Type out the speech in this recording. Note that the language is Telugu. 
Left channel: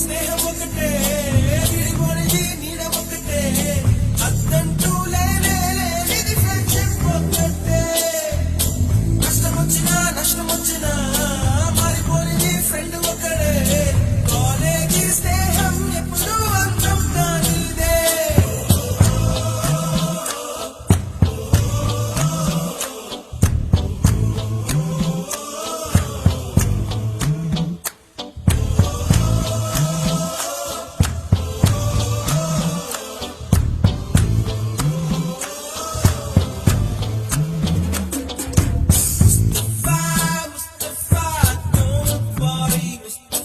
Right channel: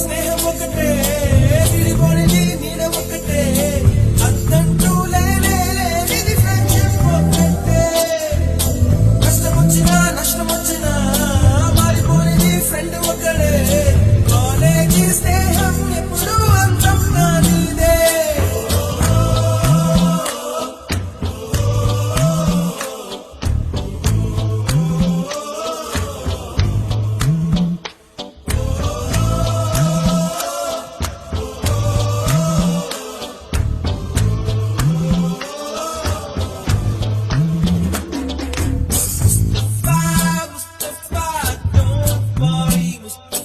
స్నేహం ఒకటే విడిపోనిది నీడ ఒకటే అద్దంటూ లేనిది ఫ్రెండ్షిప్ ఒకటే కష్టం వచ్చినా నష్టం వచ్చినా మారిపోనిది ఫ్రెండ్ ఒకడే కాలేజీ స్నేహం ఎప్పుడు అంతం కానిదే Mustafa, don't worry, Mustafa.